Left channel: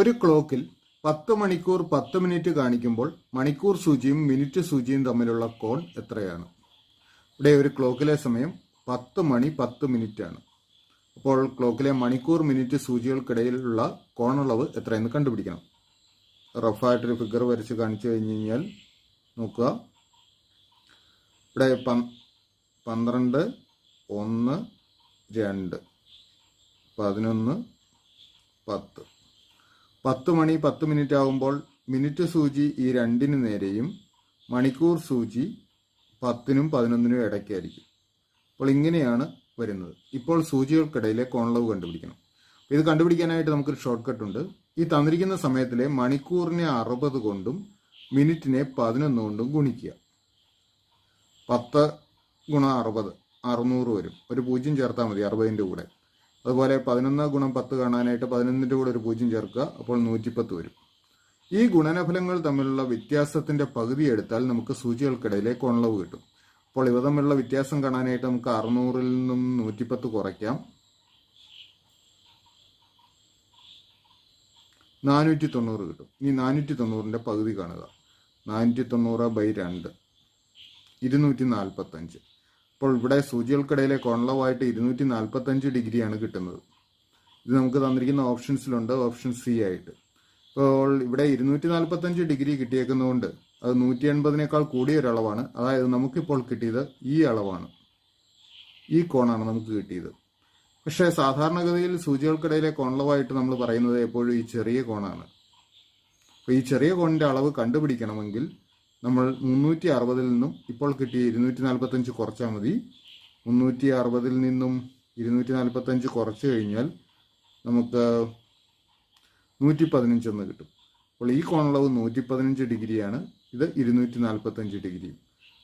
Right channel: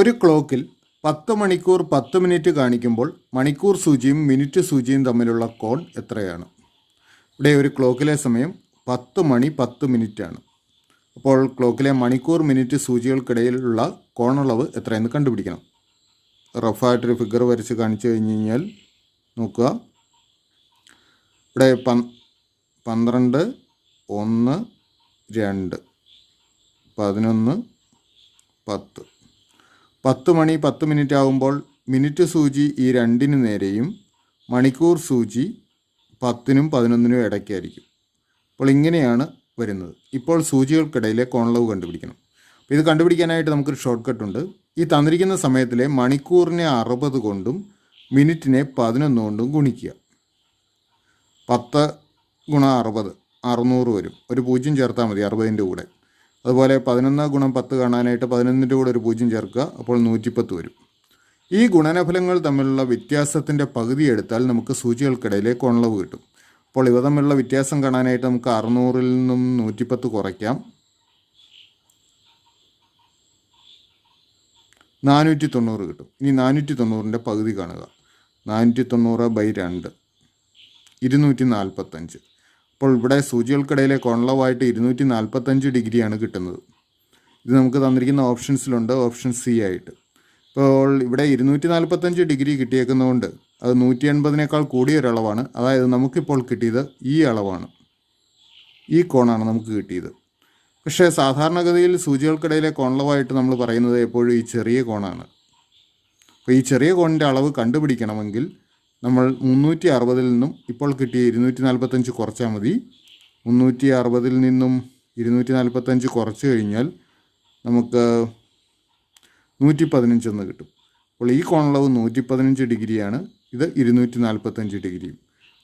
ഒരു ക്ലോക്കിൽ 10 മണിക്കൂർ 10 മിനിറ്റ് കാണിക്കുമ്പോൾ മണിക്കൂർ സൂചിയും മിനിറ്റ് സൂചിയും തമ്മിലുള്ള കോൺ എത്രയാണ്? ഇവിടെ ഒരു ക്ലോക്കിലെ സമയം 10 മണി 10 മിനിറ്റാണ്. അപ്പോൾ ക്ലോക്കിലെ മണിക്കൂർ മിനിറ്റ് സൂചികൾക്കിടയിലുള്ള കോണളവ് എത്രയെന്ന് കണ്ടുപിടിക്കണം. റഫായിട്ടൊരു ഫിഗർ വരച്ച് കാണിച്ചു കഴിഞ്ഞ് കഴിഞ്ഞാൽ നോക്കുക. ഇവിടെ 12, 1, 2, 11, 10. 10 മണി 10 മിനിറ്റ് ആകുമ്പോൾ മിനിറ്റ് സൂചി ഈ രണ്ടിന് നേരെയും മണിക്കൂർ സൂചി 10നും 11നും ഇടയ്ക്കായിരിക്കും. അപ്പോൾ ഇങ്ങനെയാണ് വരുന്നത്. ഇപ്പോൾ സൂചികൾക്കിടയിലെ കോണളവ് കണ്ടുപിടിക്കണം. അപ്പോൾ ഇത് കണ്ടുപിടിക്കാനായിട്ട് നമുക്കൊരു ഷോർട്ട് കട്ട് ഉണ്ട്. ഈ തന്നിരിക്കുന്ന സമയത്തിലെ മണിക്കൂറിനെ 60 കൊണ്ടും മിനിറ്റിനെ 11 കൊണ്ടും ഗുണിക്കുക. 10 ഗുണം 60 600 വരും. ഒരു 0 ചേർത്താൽ മതി 60ൻ്റെ കൂടെ. അതുപോലെ 11 ഗുണം 10 കാണാനായിട്ട് 11ൻ്റെ കൂടെ ഒരു 0 ചേർക്കുക. അപ്പോൾ 110 വരും. ഈ ഗുണനഫലങ്ങൾ തമ്മിലുള്ള വ്യത്യാസത്തിൻ്റെ പകുതി എടുത്താൽ നമുക്ക് സൂചികൾക്കിടയിലെ കോണളവ് കിട്ടും. അപ്പോൾ ഇവ തമ്മിലുള്ള വ്യത്യാസം കാണാനായിട്ട് നമുക്ക് 600ൽ നിന്നും 110 കുറയ്ക്കാം. 490 കിട്ടും. ഇനി 490ൻ്റെ പകുതി കാണുക. 490/2 245. അപ്പോൾ ഇവിടെ സൂചികൾക്കിടയിലെ കോണളവായിട്ട് 245 ഡിഗ്രിയാണ് കിട്ടുന്നത്. ഇത് നമുക്ക് തന്നിരിക്കുന്ന ഓപ്ഷൻസിലുണ്ട്, ഓപ്ഷൻ സി ആയിട്ട്. ഇപ്പോൾ ഇവിടെ 245 ഡിഗ്രി കിട്ടിയേക്കുന്നതുകൊണ്ട് അത് 180നേക്കാൾ കൂടിയൊരളവാണ്. അതായത് നമുക്കിപ്പോൾ കിട്ടിയത് ഈ അളവാണ്, ഈ കോണാണ് നമുക്ക് കിട്ടിയത്. പക്ഷേ സാധാരണഗതിയിൽ സൂചികൾക്കിടയിലെ കോണളവായിട്ട് നമ്മൾ പറയുന്നത് എപ്പോഴും ഈ ചെറിയ കോണാണ്. അപ്പോൾ ഈ ചെറിയ കോണിൻ്റെ അളവ് കണ്ടുപിടിക്കണമെങ്കിൽ നമ്മൾ 360ൽ നിന്നും ഇപ്പോൾ കിട്ടിയ 245 കുറച്ചാൽ മതി. 360ൽ നിന്നും 245 കുറച്ച് കഴിഞ്ഞാൽ നമുക്ക് 115 എന്ന് കിട്ടും. അപ്പോൾ ഈ കോണളവ് 115 ഡിഗ്രിയാണ്. ഇത് 245 ഡിഗ്രിയും.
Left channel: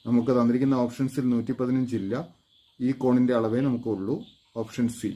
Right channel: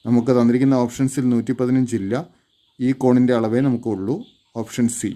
നമുക്ക് തന്നിരിക്കുന്ന ഓപ്ഷൻസിൽ 115 ഇല്ല. ഈ കോണിൻ്റെ അളവേ നമുക്കുള്ളൂ. Option C.